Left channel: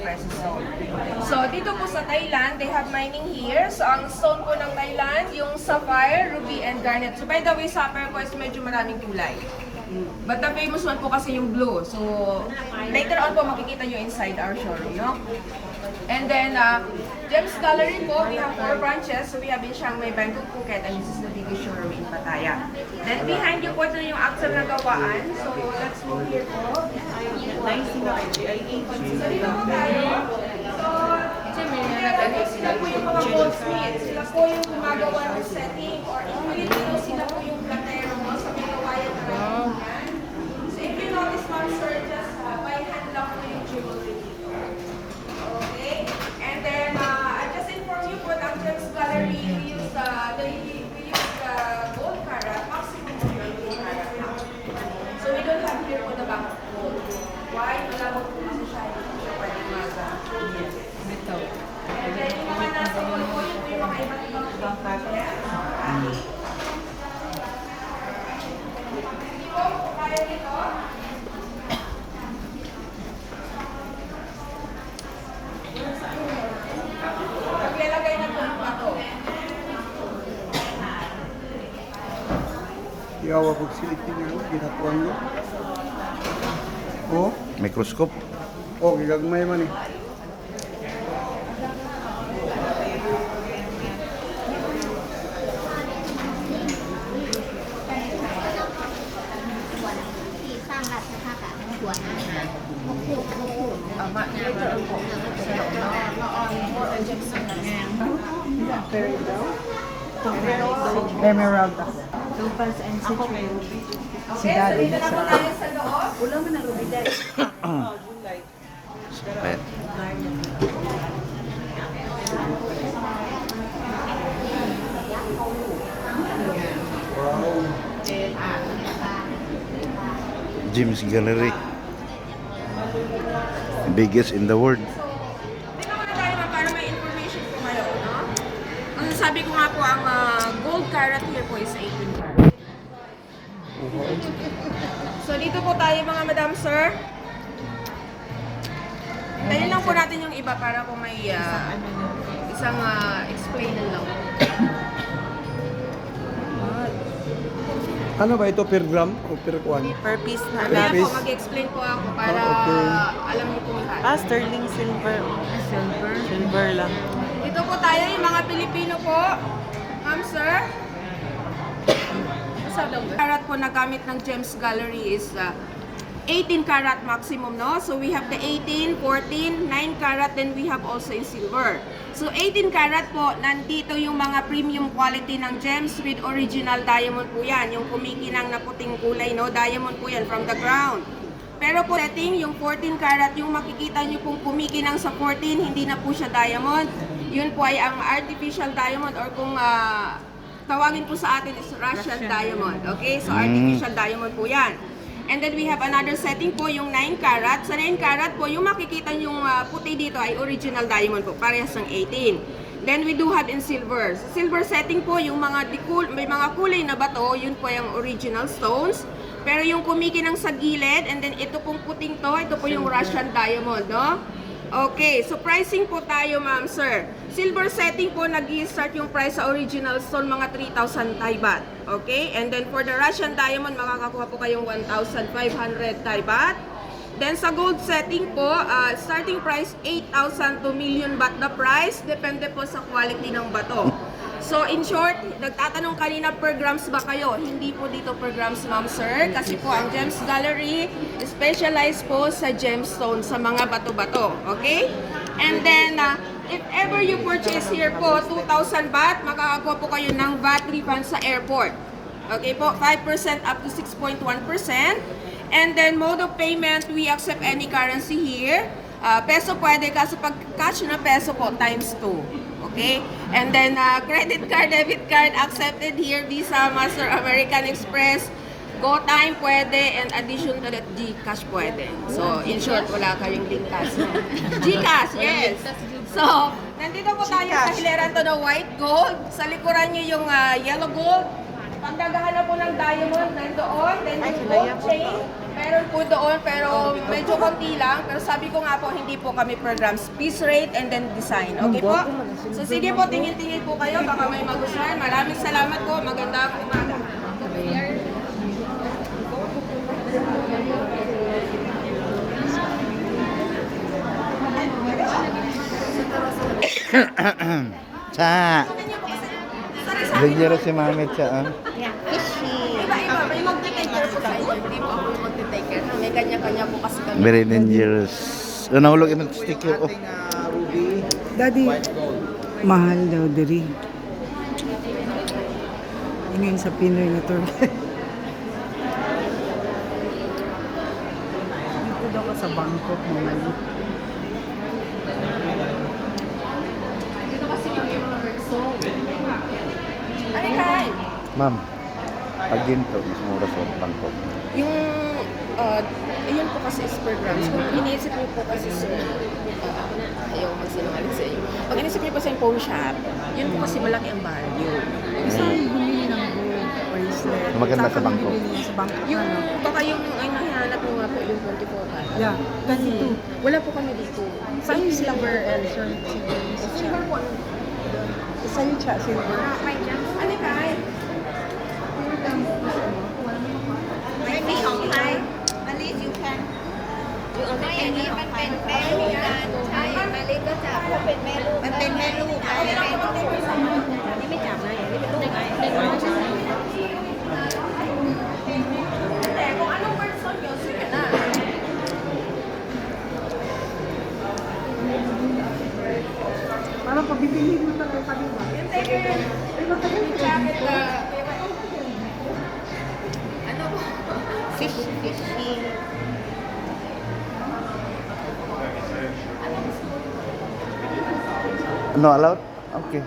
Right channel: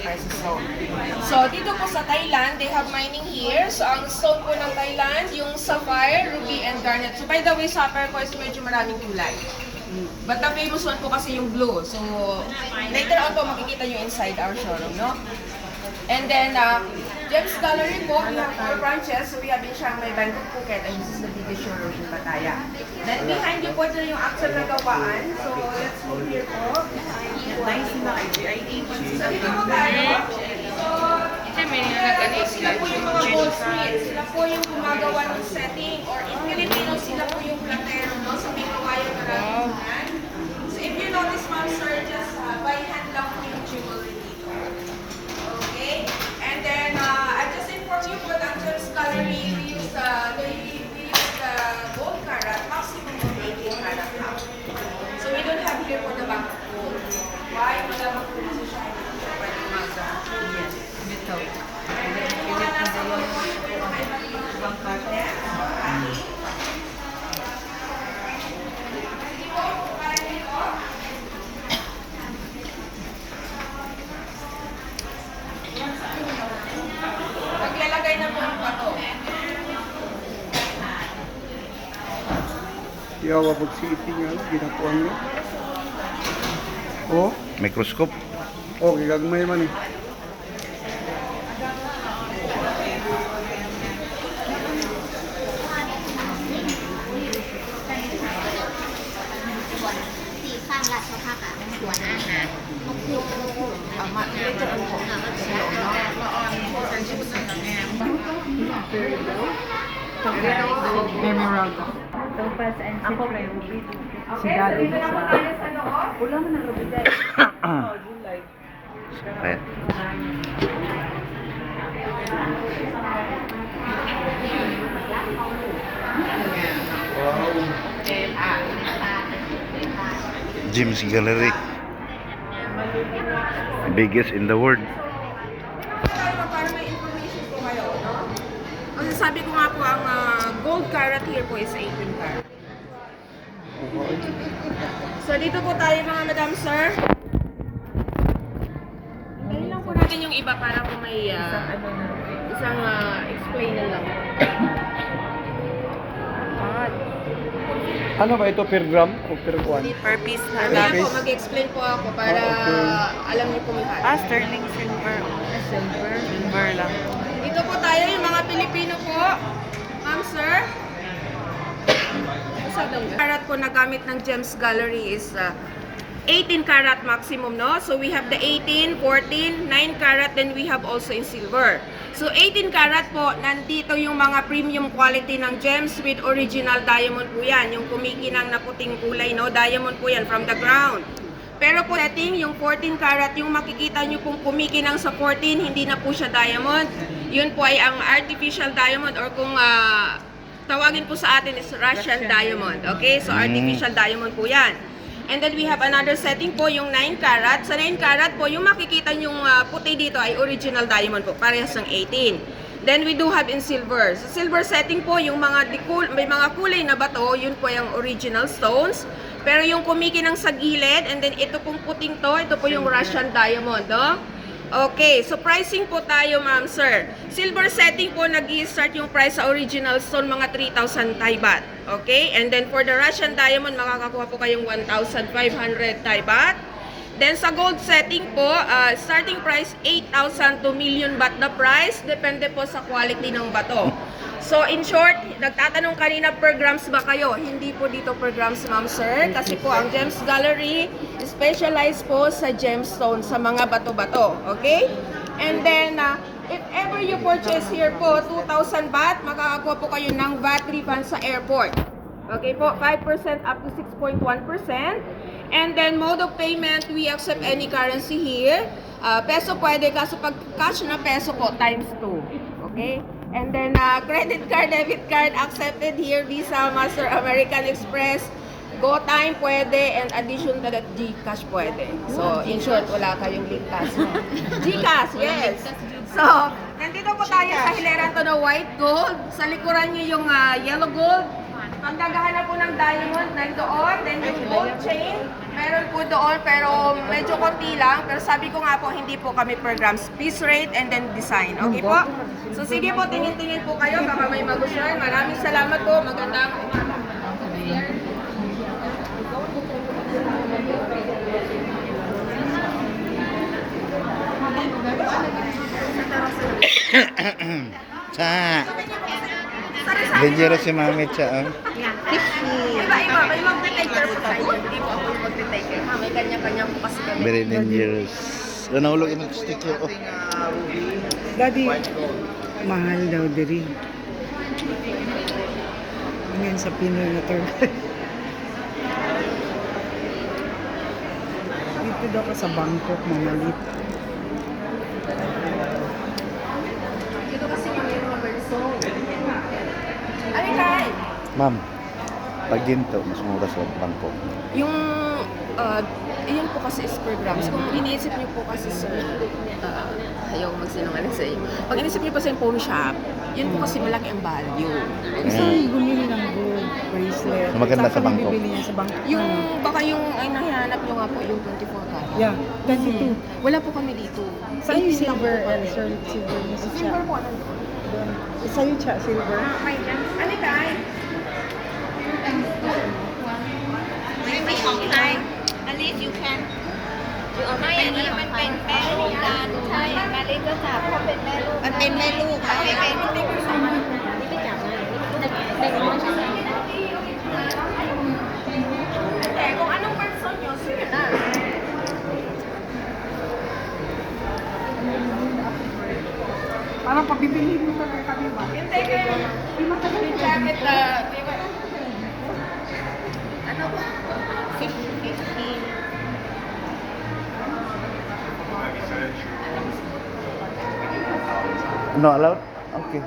pesos stone. So, dito po sa Thailand, they have mining here. So, ang stone po ng Thailand, yung sapphire, ruby, and garnet. So, by the way, sa turquoise, medyo maraming kulay. But the famous one po kasi yung blue. So, later on po makikita nyo inside our showroom, no? And then, Gems Gallery po, we have 4 branches. So, we have in Chiang Mai, Bangkok, Phuket, and this is the biggest showroom in Pattaya. Then, behind you po ito yung actual na gawaan. So, let's go here po. So, dito po tayo. So, sila po yung mga goldsmiths. Sila po yung gumagawa ng setting. Or in Filipino, sila po yung platero, no? Sa may kawayan maraming brand. So, if you notice, ma'am, sir, just by hand lang po yung jewelry dito. Okay? And then, I just inform you for the Gems Gallery, we use the gold carat, maximum of 18 carat lang. So, we don't have here for the back of gold. Why? Malabang po kasi siya, hindi po siya pwede yes. Bitaw. And then, yung mga nasa ulo po, yung mga iba't ibang Bangkat. Hindi po, kaya dito. Naglalagay na po yung bato. Yawa po si itin nyo, ginapuan nyo. Oh, Microscope. oh, gagmay man. Emerald. Topaz and citrus. Si Okay, so Daddy. dito na po tayo sa loob. Ulam na ruby dad. Ayan. Gems Gallery. Biggest in the world. Dito po tayo para may information po kayo, no? Kasi sabi ko nga po, ang gold carat here po is 18 carat. So dito po tayo mga madam sir. Tayo lang po natin yung iba para po may isang explain na lang. Ano ba ito, per gram o per kuan? Per piece na. Mamaya po, piece. mag-explain po ako para alam niyo po lahat. Sterling silver. Silver. Silver lang. Dito po tayo, yung mga Pilipino po. Ma'am, sir. Karat po na gamit ng Gems Gallery is 18 karat maximum, no? So we have the 18, 14, 9 karat, then we have also in silver. So 18 karat po, nandito yung mga premium quality ng gems with original diamond po yan. Yung kumikinang na puting kulay, no? Diamond po yan from the ground. Pero po setting, yung 14 karat, yung makikita nyo pong kumikinang sa 14, hindi na po siya diamond. Yun po ay ang artificial diamond or kung tawagin po sa atin is Russian diamond. Okay? So artificial diamond po yan. And then we have another setting po, yung 9 karat. Sa 9 karat po, yung makikita yung puti dito ay original diamond po, parehas ng 18. Then we do have in silver. Sa silver setting po, yung mga may mga kulay na bato, yun po yung original stones. Pero yung kumikinang sa gilid, and then ito pong puting to, ito po yung Russian diamond, no? Okay, so pricing po tayo, ma'am, sir. Silver setting po, nag-i-start yung price sa original stone, mga 3,000 Thai baht. Okay, and then for the Russian diamond, makakakuha po kayong 1,500 Thai baht. Then sa gold setting po, starting price 8,000 to million baht the price. Depende po sa quality ng bato. So in short, nagtatanong kanina per grams ba kayo? Hindi po dito per grams, ma'am, sir. Kasi po ang Gems Gallery specialized po sa gemstone, sa mga bato-bato. Okay? And then, if ever you purchase here po, 2,000 baht, makakakuha po kayo ng VAT refund sa airport. Okay po, 5% up to 6.1%. And then, mode of payment, we accept any currency here. Peso pwede, kaso pag cash na peso po, times 2. Okay? And then, credit card, debit card, accepted here, Visa, Master, American Express, GoTime pwede, and addition to that, GCash pwede. So, in short, wala kayong ligtas. No? GCash, yes! So, nandito po tayo sa hileran to na white gold. Sa likuran nyo yung yellow gold. Pag naghahanap po ng diamond, nandoon. Then yung gold chain, meron po doon, pero medyo konti lang. Pero sabi ko nga po, hindi po kami per grams. Piece rate and then design. Okay po? So sige po, tingin-tingin po kayo. Baka may magustuhan. Maraming salamat po. Magandang umaga. Cha. Dangerous si Mami Cha. Ah. Iba-iba, may magte-taker po sa inyo. Hindi po ako yung magte-taker. Ha? May kanya-kanya po kasi kami. Very dangerous. Nahulog yung sticker. Oh. Daddy, mahal daw diri. Ngayon sa Pinoy na tour guide. Dito daw ka sa Bangkok, mamalit. Dito kasi kami yung mga person. Ay, kay! Ma'am, pag ginto, mas mura sa Bangkok. Yung, yun po kasi is per grams. Kung iniisip niyo po kasi sa, ayaw magsinungaling sa iyo. Pag iniisip niyo po sa phone shop, yun po kasi malaki ang value. Gusto mo bumili ng gold bracelet. Maganda sa Saan ka Bangkok. bibili niya sa Bangkok? Yung, baka yung, ay nahihanap nyo nga po yung 24 karat. Yeah, 22. Wala po kami dito. Saan yung silver and silver? Sa siya. Saan yung siya, silver? Ano ka ay? ไม่ของไทย อันนี้ you can ไม่อันนี้มันเป็นแม่ลูกกันใช่มาลิก็จับเพราะเป็นแม่ลูกมันเป็นแม่ลูกค่ะเป็นแม่ลูกนี่ไม่จับเลยนี่เป็นลูกเด็กน้อยใช่ไหม Hindi, kung anong person nyo, sige na. Parang pabibili mo ba kayo kami ba? Yung jacket, ano ba? 50 No allowed? Okay.